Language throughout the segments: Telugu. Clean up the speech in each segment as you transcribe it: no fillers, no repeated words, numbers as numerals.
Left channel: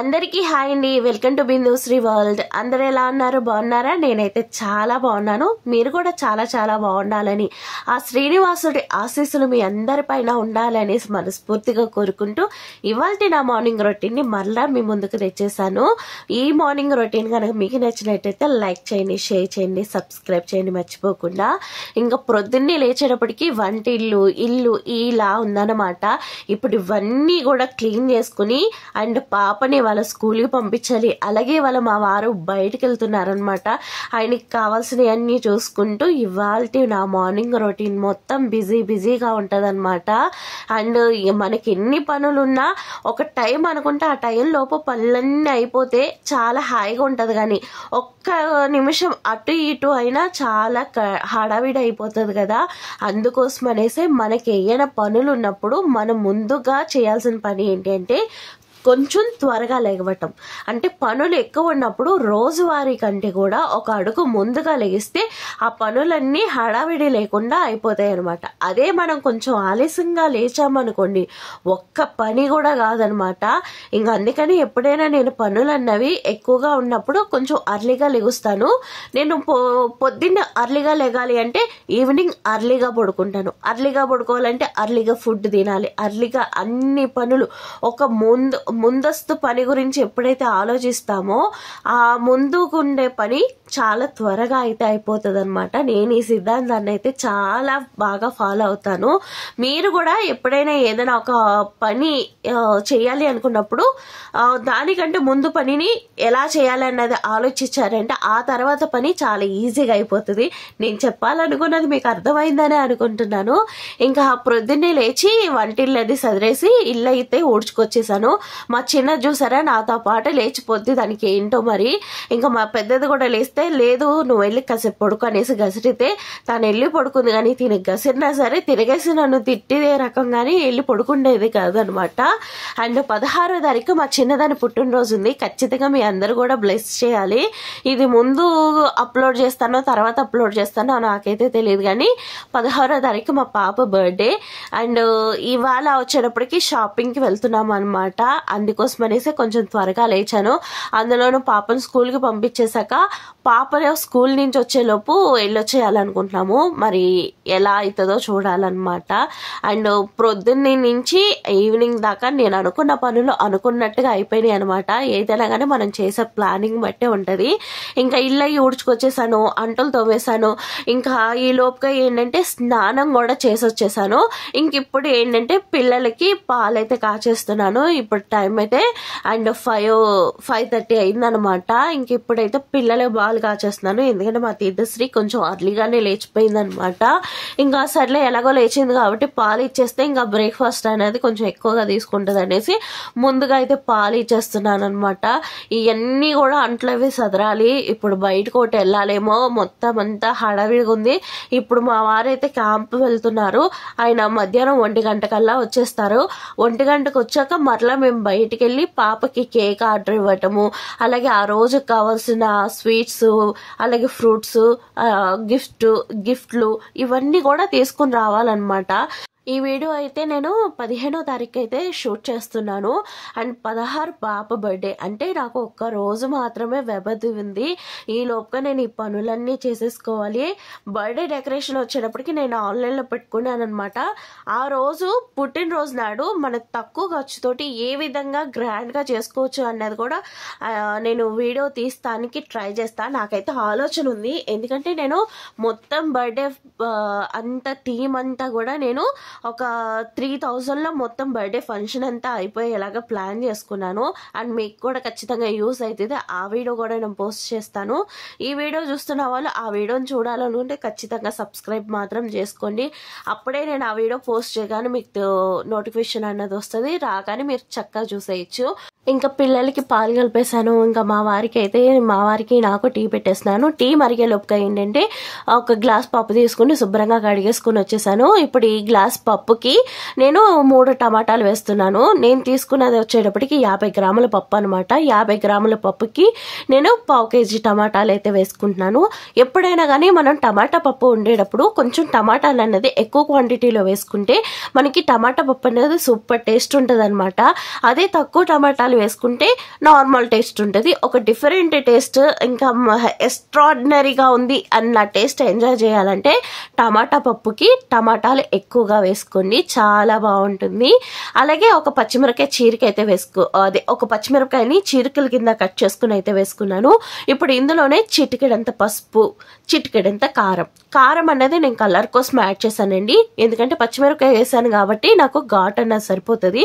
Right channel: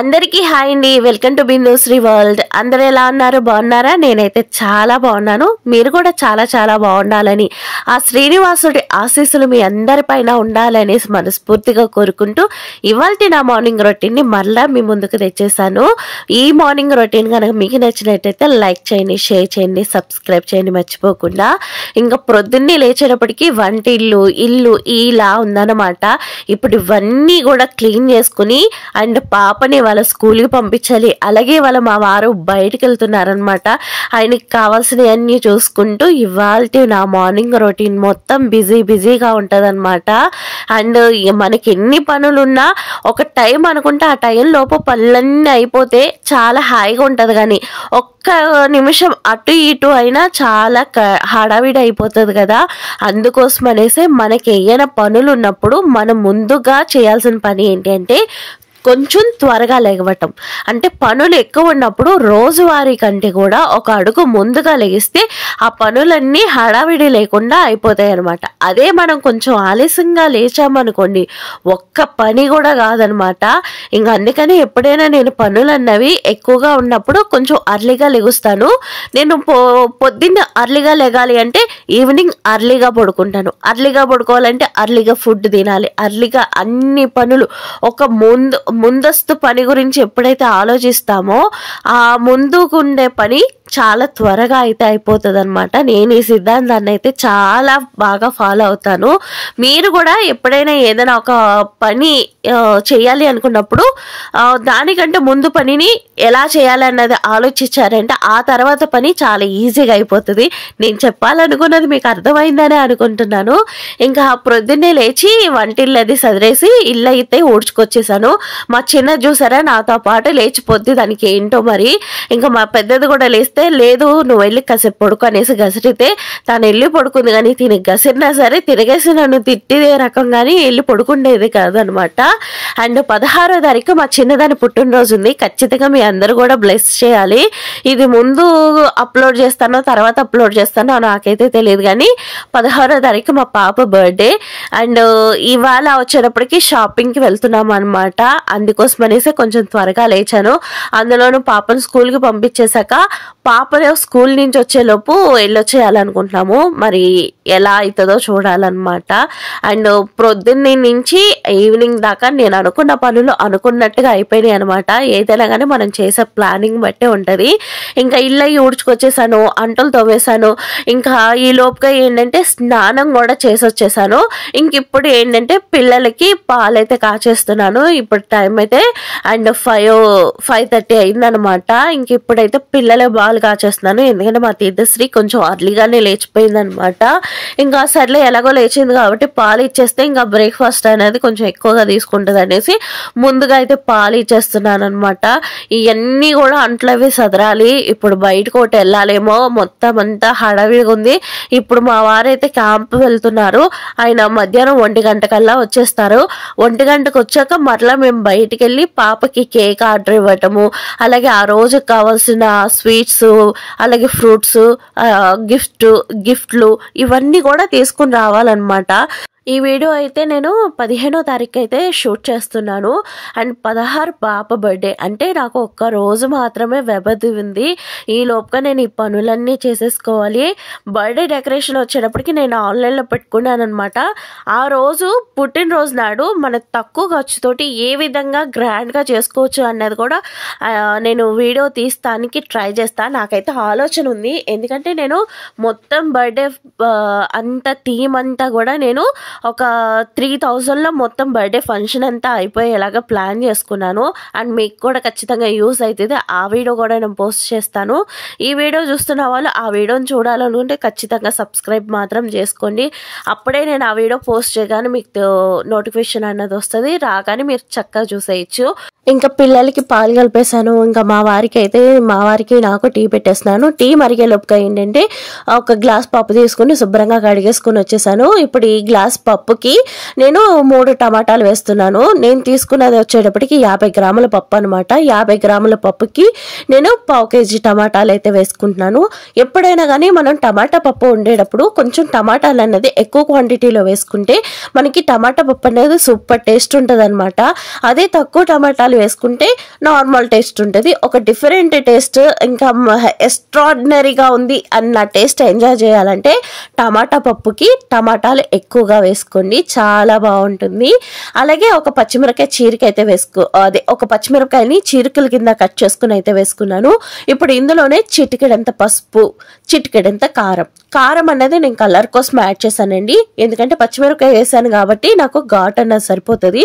అందరికీ హాయ్ అండి. Welcome to Bindusri world. అందరూ ఎలా ఉన్నారు? బాగున్నారా? నేనైతే చాలా బాగున్నాను. మీరు కూడా చాలా చాలా బాగుండాలని ఆ శ్రీనివాసుడి ఆశీస్సులు మీ అందరిపైన ఉండాలనేసి మనస్ఫూర్తిగా కోరుకుంటూ ఇవాల్టి నా మార్నింగ్ రొటీన్ని మరలా మీ ముందుకు తెచ్చేసాను. ఈ మార్నింగ్ రొటీన్ కనుక మీకు నచ్చినట్టయితే లైక్ చేయండి, షేర్ చేయండి, సబ్స్క్రైబ్ చేయండి మర్చిపోకుండా. ఇంకా ప్రొద్దున్నే లేచేటప్పటికి వంటిల్లు ఇల్లు ఇలా ఉందన్నమాట. ఇప్పుడు ఇవన్నీ కూడా క్లీన్ చేసుకుని అండ్ పాపని వాళ్ళ స్కూల్కి పంపించాలి. అలాగే మా వారు బయటకు వెళ్తున్నారనమాట. ఆయనకి కావాల్సినవన్నీ చూసుకుంటూ ఇవాళ నా మార్నింగ్ రొటీన్ మొత్తం బిజీగా ఉంటుంది అనమాట. అండ్ మనకి ఎన్ని పనులున్నా ఒక టైం అనుకుంటే ఆ టైం లోపు పనులన్నీ అయిపోతే చాలా హాయిగా ఉంటుంది. కానీ ఒక్క నిమిషం అటు ఇటు అయినా చాలా హడావిడి అయిపోతుంది కదా. అందుకోసం అనేసి మనకి ఏమైనా పనులు ఉన్నప్పుడు మనం ముందుగా చేయాల్సిన పని ఏంటి అంటే కొంచెం త్వరగా లెగవటం. అంటే పనులు ఎక్కువ ఉన్నప్పుడు రోజువారీ కంటే కూడా ఒక అడుగు ముందుగా లెగిస్తే ఆ పనులన్నీ హడావిడి లేకుండా అయిపోతాయి అనమాట. అదే మనం కొంచెం ఆలస్యంగా లేచామనుకోండి ఒక్క పని కూడా కాదనమాట. ఇంకా అందుకని ఎప్పుడైనా నేను పనులు అన్నవి ఎక్కువగా ఉన్నప్పుడు కొంచెం అర్లీగా లెగుస్తాను. నేను పొద్దున్న అర్లీగా లెగాలి అంటే ఈవినింగ్ అర్లీగా పడుకుంటాను. అర్లీగా పడుకోవాలంటే అర్లీగా ఫుడ్ తినాలి. అర్లీగా అన్ని పనులు ఒక ముందస్తు పని గురించి ఎప్పుడైతే ఆలోచిస్తామో ఆ ముందుకుండే పని చాలా త్వరగా అయితే అయిపోతుంది అనమాట. నేను ఈ సిద్ధాంతాన్ని అయితే చాలా బాగా ఫాలో అవుతాను. మీరు కూడా ఎప్పుడైనా ఏదైనా ఒక పని చేయాలి అనుకున్నప్పుడు దానికంటే ముందు పనిని ఎలా చేయాలి అన్నది ఆలోచించారంటే ఆ తర్వాత పని చాలా ఈజీగా అయిపోతుంది. నేను చెప్పాలనుకున్నది మీకు అర్థమైందని అనుకుంటున్నాను. ఇంకా ప్రొద్దున్నే లేచి వంటిల్లు అది సదిరేసి ఇల్లు అయితే ఊడ్చుకొచ్చేసాను. మా చిన్న చూసారా నాతో పాటు లేచిపోద్ది. దానికి ఏంటో మరి. ఇంకా మా పెద్దది కూడా లేస్తే లేదు నువ్వు వెళ్ళి కాసేపు పడుకో అనేసి గసిరితే తను వెళ్ళి పడుకుంది. కానీ తిని గసిరినా సరే తిరిగేసి నన్ను తిట్టిదే రకంగానే వెళ్ళి పడుకుండేది కాదనమాట. అండ్ 16వ తారీఖు మా చిన్నదాని పుట్టినరోజు ఉంది. ఖచ్చితంగా మీ అందరూ కూడా బ్లెస్ చేయాలి. ఇది ముందు అప్లోడ్ చేస్తానో తర్వాత అప్లోడ్ చేస్తానో నాకైతే తెలియదు. కానీ 16వ తారీఖు మా పాప బర్త్డే. అండ్ ఇవాళ వచ్చేటప్పటికి షాపింగ్కి వెళ్తున్నాం అనమాట. అందుకోసం అనేసి కొంచెం త్వరగా లేచాను. అందులోనూ పాపను స్కూల్కి పంపించేశాక పాప స్కూల్ నుంచి వచ్చేలోపు వెళ్ళొచ్చేయాలనుకుంటున్నాము. మరి ఎలా అవుతుందో చూడాలన్నమాట. అండ్ ప్రొద్దున్నే నుంచి ఈవినింగ్ దాకా నేను అనుకున్న పనులు అనుకున్నట్టుగా అయిపోయినాయి అనమాట. ఏదైనా కానీ మనం చేసే ప్లానింగ్ బట్టే ఉంటుంది. ఇంకా ఇల్లు ఊడ్చుకొచ్చేసాను, అంటలు తవ్వేసాను. ఇంకా ఈ లోపుగా ఏంటంటే స్నానం కూడా చేసి వచ్చేసాను. ఇంక ఇప్పుడు ఏంటంటే పిల్లలకి పాలైతే కాచేస్తున్నాను. ఇప్పుడు టైం అయితే అండ్ 5:30 అయిందనమాట. ఇంక ఇప్పుడైతే పిల్లలే పాలు కాచేస్తున్నాను. ఎందుకంటే మా తీర్థశ్రీ కొంచెం అర్లీగానే లేచిపోయింది అనమాట. ఇంకా సర్లే ఎలాగో లేచింది కాబట్టి పాలు ఇచ్చేస్తే ఇంకా బ్రేక్ఫాస్ట్ అనేది కొంచెం ఎక్కువగా తీసుకుంటుంది అనేసి ముందుగా అయితే పాలు ఇచ్చేస్తున్నాను అనమాట. ఇవన్నీ కూడా అంట్లవి సదరాలి. ఇప్పుడు బయటకు ఒకటి వెళ్ళాలేమో, మొత్తం అంతా హడావిడిగా ఉంది. ఇప్పుడు మా వారైతే క్యాంప్ వెళ్తున్నారు. ఆయన మధ్యాహ్నం 1 గంటకల్లా వచ్చేస్తారు. 1 గంటకు వచ్చాక మరలా మేము బయటికి వెళ్ళి పాపకి కేక్ ఆర్డర్ ఇవ్వటము, అలాగే ఆ రోజుకి కావాల్సిన స్వీట్స్ అలాగే ఫ్రూట్స్ గిఫ్ట్లు ఇవన్నీ కూడా తీసుకుని రావాలన్నమాట. ఈ వీడియో అయితే నేను 15వ తారీఖు అయితే షూట్ చేస్తున్నాను. అండ్ 16 పాప బర్త్డే. అంటే నాకు ఒక్క రోజు మాత్రమే వ్యవధి ఉంది. ఈ లోపుగా నేను ఈ పనులన్నీ చేసేసుకోవాలి. బర్త్డే డెకరేషన్ వచ్చేటప్పటికి నేను ఆన్లైన్లో పెట్టుకున్నాను అనమాట. ఆ రోజు పుట్టినరోజు నాడు మన తక్కువ ఖర్చుతోటి ఏ విధంగా గ్రాండ్గా చేసుకోవచ్చు అన్నది కూడా నేను వీడియో తీస్తానికి ట్రై చేస్తాను. నాకైతే ఆలోచన ఉంది. ఎందుకంటే నేను మొత్తం బర్త్డే అంత థీమ్ అంతా కూడా నేను ఒక 3000లో మొత్తం బర్త్డే ఫంక్షన్ అంతా అయిపోయేలాగా ప్లాన్ చేసుకున్నాను. అండ్ మీకు కూడా ఖచ్చితంగా యూస్ అవుతుంది. ఆ వీడియో కూడా నేను పోస్ట్ చేస్తాను. ఈ వీడియో చూస్తున్న వాళ్ళు ఆ వీడియోని చూడాలనుకుంటే ఖచ్చితంగా సబ్స్క్రైబ్ మాత్రం చేసుకోండి. అప్పుడే నేను ఆ వీడియో పోస్ట్ చేయగానే మీకు నోటిఫికేషన్ అన్నది వస్తుంది. రాగానే మీరు చక్కగా చూసేయచ్చు. ఇంకా పిల్లలకి పాలు కలిపేసాను. ఇంకా మా వారికి నాకు టీ పెట్టేస్తున్నాను. టీ మరిగే లోపుగా ఏంటంటే ఒక గ్లాస్ పప్పు తీసుకుని శుభ్రంగా కడిగేసుకుని వచ్చేసాను. ఇప్పుడు ఈ గ్లాస్ పప్పుకి నేను 3 టమాటాలు వేస్తున్నాను. నేను తీసుకున్నది వచ్చేటప్పటికి 50 గ్రాముల పప్పు అనమాట. 50 గ్రాముల పప్పుకి నేను 1/2 కేజీ టమాటాలు అయితే వేసుకుంటున్నాను. ఎప్పుడైనా కానీ మనం టమాటా పప్పు వండేటప్పుడు కొంచెం టమాటాలు అన్నది ఎక్కువ క్వాంటిటీలో వేసుకుంటే మనకి టమాటా పప్పు అనేది సూపర్ టేస్ట్ ఉంటుంది అనమాట. అదే తక్కువ టమాటాలు వేసుకుంటే నార్మల్ టేస్ట్ ఉంటుంది. ఒక డిఫరెంట్ టేస్ట్, ఇంకా ఎక్స్ట్రాడినరీగా ఉంది అన్న టేస్ట్ ఎంజాయ్ చేయాలంటే టమాటా పప్పుకి టమాటాలు ఎక్కువగా వేసుకోండి, చాలా బాగుంటుంది. అలాగే ఒక పచ్చిమిరకాయ చీరిక అయితే ఒక పచ్చిమిరకాయని చీరికల కింద కట్ చేసుకుని అయితే వేసుకున్నాను. ఇప్పుడు ఇందులోనే చిటికెడంత పసుపు, చిటికెడంత కారం అనేది నేను కలర్ కోసం యాడ్ చేశానండి. ఎందుకంటే పచ్చిమిరకాయ వేసాను కాబట్టి నాకు ఘాట్ అన్నది సరిపోతుంది.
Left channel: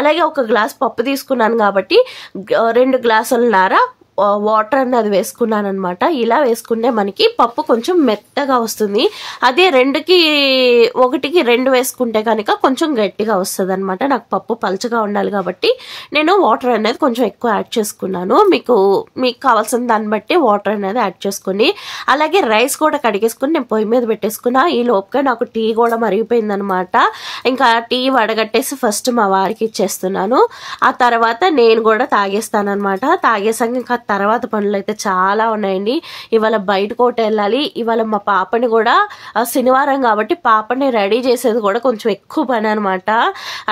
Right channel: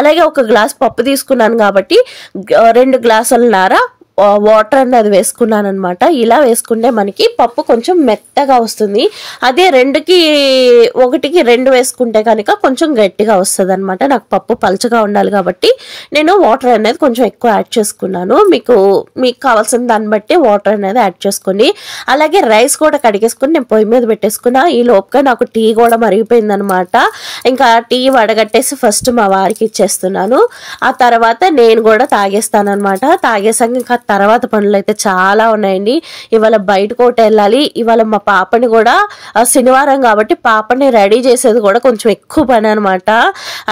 అలాగే 1 గ్లాస్ పప్పు తీసుకున్నాను కాబట్టి 2 గ్లాసులన్నర వాటర్ అన్నది వేసుకున్నాను అనమాట. ఇలా వేసుకుంటే మనకి పప్పు కొంచెం మెత్తగా వస్తుంది. అదే 2కి 1కి 2 వేసుకుంటే కనుక కొంచెం గట్టిగా వస్తుంది అనమాట. నాకు పప్పు పలుచగా ఉండాలి కాబట్టి నేను వాటర్ అనేది కొంచెం ఎక్కువ యాడ్ చేసుకున్నాను. మీకు కావాల్సిన దాన్ని బట్టి వాటర్ అనేది యాడ్ చేసుకోండి. అలాగే రైస్ కూడా కడిగేసుకుని నేను పొయ్యి మీద పెట్టేసుకున్నా. ఈ లోపుగా నాకు టీ కూడా మరిగిపోయింది అనమాట. ఇంకా టీ వడగట్టేసి ఫస్ట్ మా వారికి ఇచ్చేస్తున్నాను. ఆ తర్వాత నేను కూడా తాగేస్తాను అనమాట. తాగేసాక ఇంకా తర్వాత పనులు అయితే చాలా ఉన్నాయండి. ఇవాళ బయటకు ఒకటి వెళ్ళాలి. ఇవాళ మా పాపని కూడా శనివారం కాబట్టి పాపని రెడీ చేసేది కూడా కొంచెం ఎక్కువ పని అనమాట.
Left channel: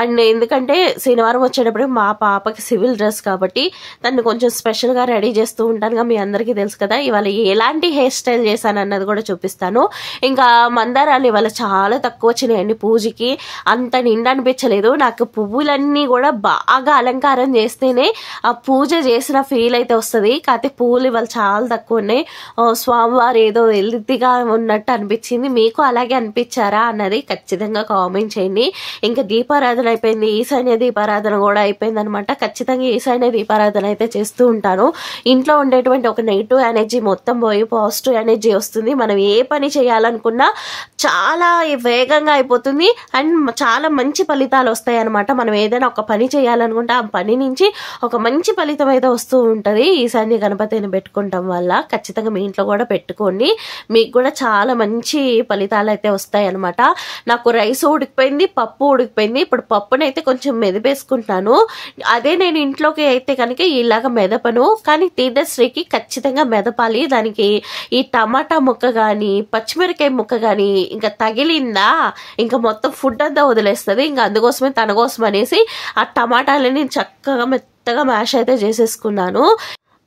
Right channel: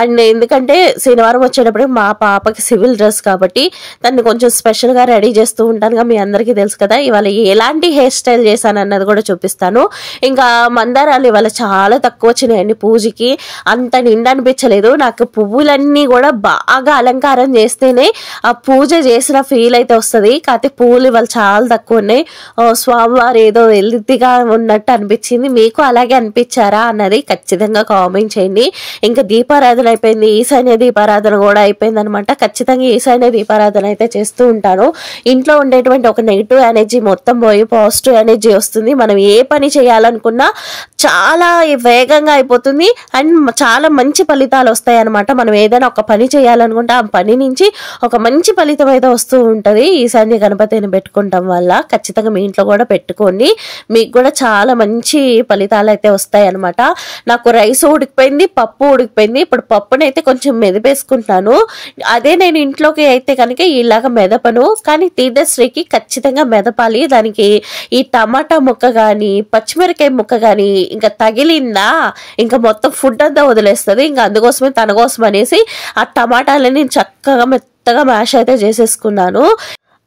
అండ్ ఎందుకంటే శనివారం వచ్చేటప్పుడు మా పాపకి సివిల్ డ్రెస్ కాబట్టి దాన్ని కొంచెం స్పెషల్గా రెడీ చేస్తూ ఉంటానుగా, మీ అందరికీ తెలుసు కదా. ఇవాళ ఎలాంటి హెయిర్ స్టైల్ చేశాను అన్నది కూడా చూపిస్తాను. ఇంకా మందారాలు ఇవాళ చాలా తక్కువ వచ్చినాయండి పూజకి, అంత నిండా అనిపించలేదు. నాకు పువ్వులన్నీ కూడా బాగా అలంకారం చేస్తేనే ఆ పూజ చేసిన ఫీల్ అయితే వస్తుంది. కాకపోతే పువ్వులు ఇవాళ చాలా తక్కువ ఉన్నాయి. స్వామివారు ఏదో వెల్దిగా ఉన్నట్టు అనిపించింది. మీకు అలాగే అనిపించారా అన్నది ఖచ్చితంగా కామెంట్ చేయండి. ఇంకా దీపారాధన అయిపోయింది, ఈశాన్య దీపారాధన కూడా అయిపోయింది అనమాట. ఖచ్చితంగా ఈశాన్య దీపారాధన అయితే చేస్తూ ఉంటాను. ఇంట్లో ఉండేటువంటి ఒక నెగిటివ్ ఎనర్జీ మొత్తం పోయి పాజిటివ్ ఎనర్జీ వస్తుంది. మనం ఏ పని చేయాలనుకున్నా చాలా వేగంగా అయిపోతుంది అండ్ చాలా మంచి ఫలితాలు వస్తాయి అనమాట. మనం ఏదైనా ఒక పని చేయాలనుకుంటే ఆ పని నుంచి ఒక మంచి ఫలితం అయితే వస్తూ ఉంటుంది ఈశాన్య గణపతిని పెట్టుకుంటాం వల్ల. ఖచ్చితంగా మీ ఇంట్లో కూడా పెట్టుకోండి, మీకు కూడా చాలా మంచి ఫలితాలు అయితే వస్తాయి అనమాట. నాకు రైస్ ఉడికిపోయింది, పప్పు ఉడికిపోయింది. ఇప్పుడు పప్పునైతే కొంచెం మెదిపేసుకుంటాను. అదే నేను ఇంట్లోకి అయితే కనుక ఇలాగ మెదపను, కానీ తీర్థశ్రీకి ఖచ్చితంగా మెదపాలి. దానికి ఈ టమాటా ముక్క కానీ పచ్చిమిరకాయ ముక్క కానీ ఇంకా తగిలిందా ఇంకా మొత్తం ఫుడ్ అంతా వదిలేస్తుంది. ఇంకా అందుకోసమే తన కోసం అనేసి ఆ టమాటాలని చక్కగా మెత్తగా మ్యాష్ అయితే చేసేసుకున్నాను.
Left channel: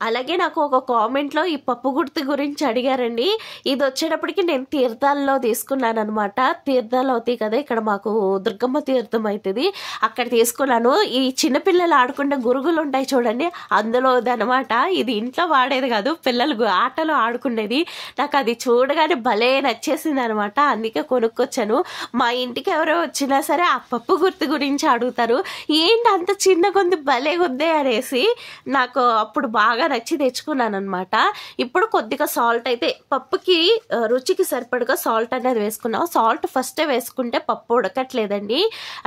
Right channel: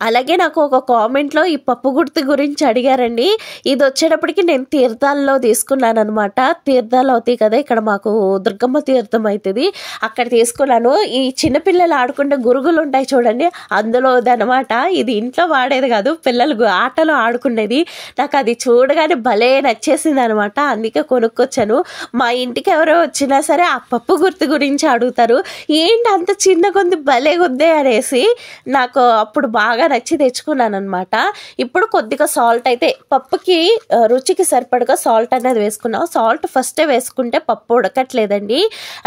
అలాగే నాకు ఒక కామెంట్లో ఈ పప్పు గుర్తు గురించి అడిగారండి. ఇది వచ్చేటప్పటికి నేను తీర్థాల్లో తీసుకున్నాను అనమాట. తీర్థాలు అవుతాయి కదా, ఇక్కడ మాకు దుర్గమ్మ తీర్థం అవుతుంది, అక్కడ తీసుకున్నాను. ఈ చిన్నపిల్లలు ఆడుకుంటే గురుగులు ఉంటాయి చూడండి, అందులోది అనమాట. ఇది ఇంట్లో వాడేది కాదు, పిల్లలు ఆటలో ఆడుకునేది. నాకు అది చూడగానే భలే నచ్చేసింది అనమాట, అందుకే కొనుక్కొచ్చాను. మా ఇంటికి ఎవరో వచ్చినా సరే ఆ పప్పు గుర్తు గురించి అడుగుతారు, ఏంటి అంత చిన్న కొంది భలే కొద్దే అనేసి. నాకు అప్పుడు బాగా నచ్చి తెచ్చుకున్నాను అనమాట. ఇప్పుడు కొద్దిగా సాల్ట్ అయితే పప్పుకి రుచికి సరిపడగా సాల్ట్ అనేది వేసుకున్నాం. సాల్ట్ ఫస్టే వేసుకుంటే పప్పు ఉడకట్లేదండి,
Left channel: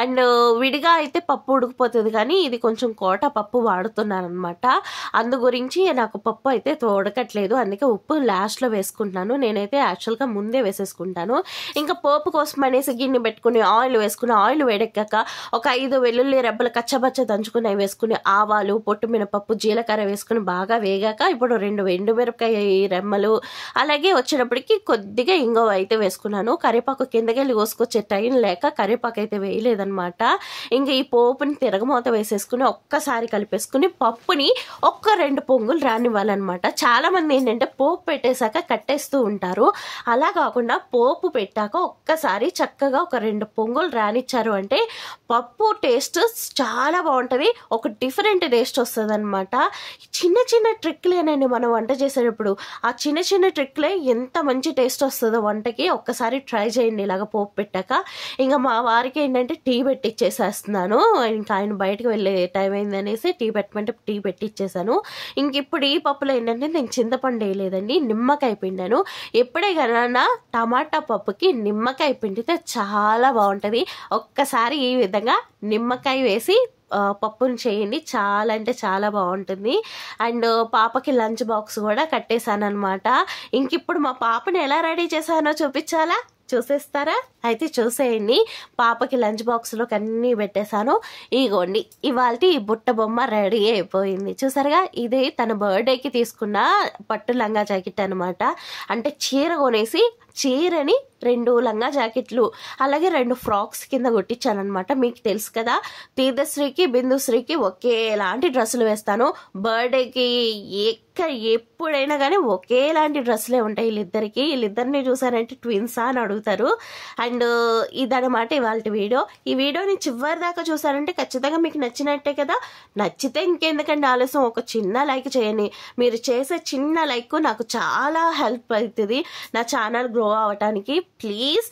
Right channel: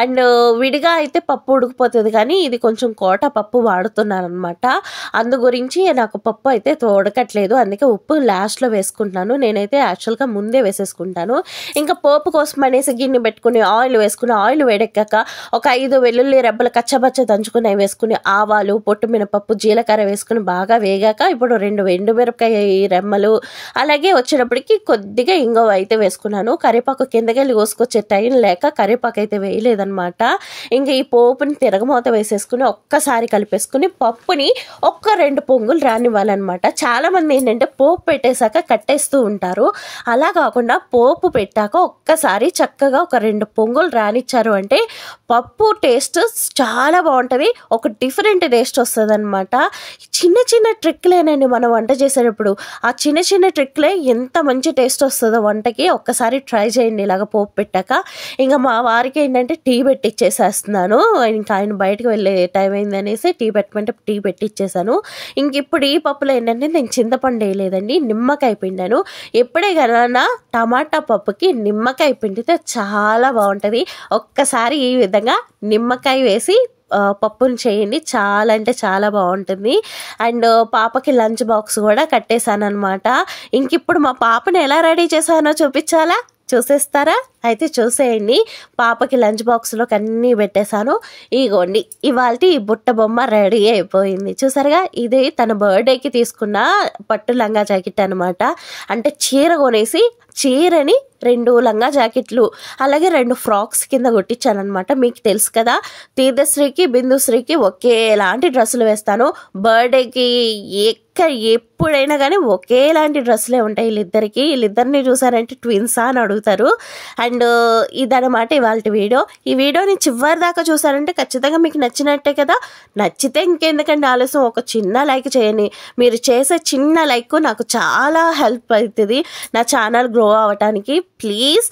అండ్ విడిగా అయితే పప్పు ఉడికిపోతుంది. కానీ ఇది కొంచెం కోట పప్పు వాడుతున్నాను అనమాట, అందు గురించి నాకు పప్పు అయితే ఉడకట్లేదు. అందుకే ఉప్పు లాస్ట్లో వేసుకుంటున్నాను. నేనైతే యాక్చువల్గా ముందే వేసేసుకుంటాను. ఇంకా పోపు కోసం అనేసి గిన్నె పెట్టుకుని ఆయిల్ వేసుకుని, ఆయిల్ వేడెక్కాక ఒక 5 వెల్లుల్లి రెబ్బలు కచ్చబచ్చ దంచుకుని వేసుకుని, ఆవాలు, పొట్టు మినపప్పు, జీలకర్ర వేసుకుని బాగా వేగాక ఇప్పుడు 2 ఎండుమిరపకాయ రెమ్మలు, అలాగే వచ్చేటప్పటికి కొద్దిగా ఇంగువ అయితే వేసుకున్నాను. కరివేపాకు కిందకెళ్ళి కోసుకొచ్చే టైం లేక కరివేపాకు అయితే వేయలేదనమాట. ఇంకా ఈ పోపుని తిరగమూత వేసేసుకుని ఒక్కసారి కలిపేసుకుని పప్పుని 1-2 పొంగులు రానివ్వాలన్నమాట. చాలా మంది ఏంటంటే పోపు పెట్టేశాక కట్టేస్తూ ఉంటారు. అలా కాకుండా పోపు పెట్టాక ఒక్కసారి చక్కగా ఒక 2 పొంగులు రానిచ్చారు అంటే పప్పు టేస్ట్ చాలా బాగుంటుంది, ఒక డిఫరెంట్ టేస్ట్ వస్తుంది అనమాట. చిన్న చిన్న ట్రిక్లేనండి మనం వంట చేసేటప్పుడు, ఆ చిన్న చిన్న ట్రిక్లే ఎంత మంచి టేస్ట్ వస్తుందో వంటకి. ఒక్కసారి ట్రై చేయండి ఇలాగ పోపు పెట్టాక. ఇంకా మా వారికి ఏంటంటే టీ పెట్టిచ్చేసేస్తున్నాను. ఇంకా ఆయన బయటకు వెళ్ళే టైం అయిందనేసి టీ పెట్టమంటే టీ పెట్టిచ్చేసాను. ఇంక ఇప్పుడు ఈ పప్పులో ఏంటంటే నేను చింతపండు వేయలేదండి, నిమ్మకాయ పిండాను. ఎప్పుడే కదా టమాటా పప్పుకి నిమ్మకాయ పిండితే చాలా బాగుంటుంది. ఒక్కసారి ఈ విధంగా నిమ్మకాయ వేసి పప్పును చేయండి, చాలా అంటే చాలా బాగుంటుంది. అండ్ పాపకి లంచ్ బాక్స్ కూడా కట్టేశాను అనమాట. ఇంక ఇప్పుడు మా పాపని ఎలా రెడీ చేశానో చూపించాలా, చూసేస్తారా? అయితే చూసేయండి. పాపకి లంచ్ బాక్స్లోకి అన్నీ పెట్టేశాను. ఇగోండి ఇవాళ ఈ బుట్ట బొమ్మ రెడీ అయిపోయింది. చూసారుగా, ఇది తన బర్త్డేకి తీసుకున్న పట్టు లంగా జాకెట్ అనమాట. అంటే చీర కొనేసి చీరని 2 లంగా జాకెట్లు అలాగే 2 ఫ్రాక్స్ కింద కుట్టించాను అనమాట. మీకు తెలుసు కదా, తీర్థశ్రీకి బిందుశ్రీకి ఒకేలాంటి డ్రెస్సులు వేస్తాను. బర్త్డేకి ఎప్పుడైనా కానీ ఒకేలాంటి డ్రెస్సులే ఉంటాయి వీళ్ళిద్దరికి. వీళ్ళిద్దరిని చూసారంటే ట్విన్సా అని అడుగుతారు. అండ్ ఇదనమాట ఇవాళ వీడియో. ఈ వీడియోని చివరి దాకా చూసారంటే ఖచ్చితంగా మీకు నచ్చినట్టే కదా. నచ్చితే ఇంకెందుకంటే ఆలస్యం, ఒక చిన్న లైక్ చేయండి. మీరు చేసే చిన్న లైక్ నాకు చాలా హెల్ప్ అవుతుంది నా ఛానల్ గ్రో అవ్వటానికి. ప్లీజ్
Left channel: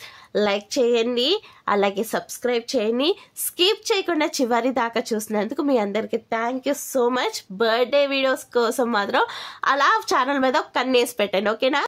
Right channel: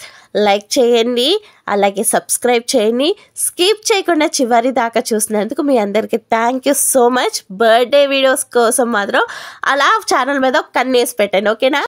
లైక్ చేయండి, అలాగే సబ్స్క్రైబ్ చేయండి. స్కిప్ చేయకుండా చివరి దాకా చూసినందుకు మీ అందరికీ thank you so much. Birthday videos కోసం మాత్రం అలా ఛానల్ మీద కన్నేసి పెట్టండి, ఓకేనా?